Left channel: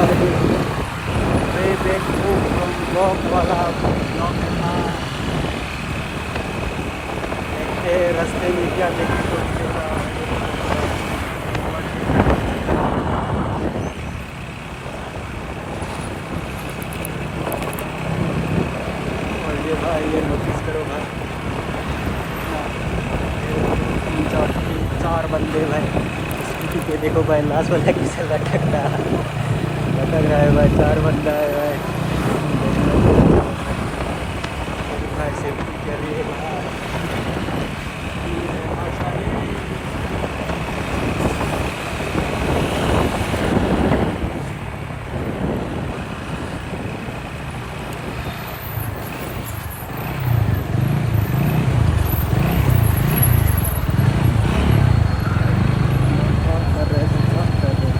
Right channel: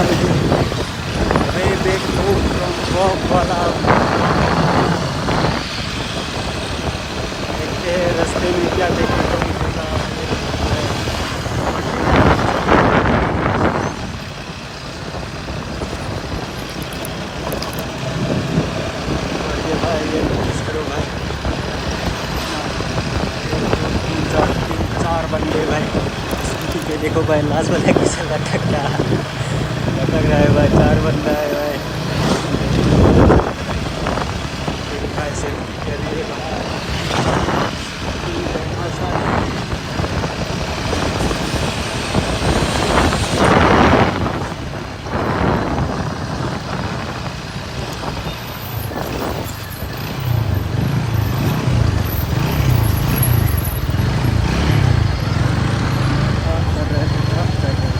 भाई way back home from walk वाला देखते हैं रास्ते में क्या देखने को मिलेगा। ये भाई और ये भाई ये नोटिस करो भाई ना, ये दो तीन चार बंदे भाई स्कूटी पे देखो भाई लास्ट वाला किसे लटक रहा है भाई। चार बंदा है भाई, देखने में बहुत अच्छा लग रहा है। फिर भाई सेफ्टी के लिए भाई रहना चाहिए। क्या कर रहे थे, क्या कर रहे थे।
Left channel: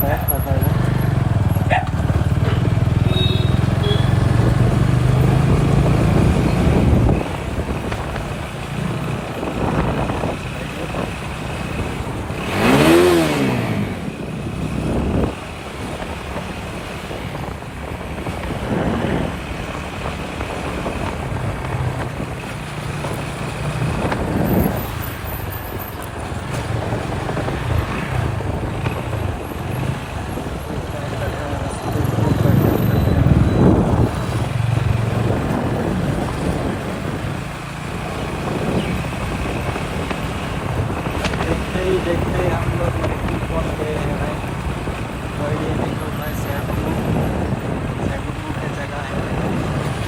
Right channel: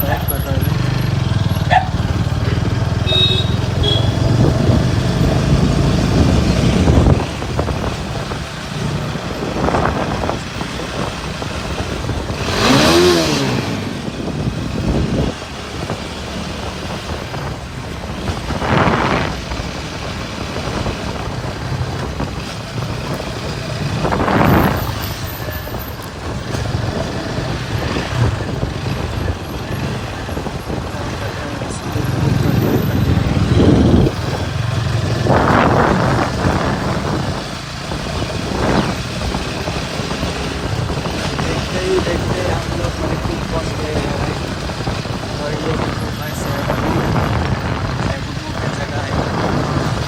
पैक कर रहे हैं। रास्ते को करते देखते ही हम लोग मणिपुर पहुंच गए हैं भाई। और ये देखो भाई सैगुमू की जगह है भाई।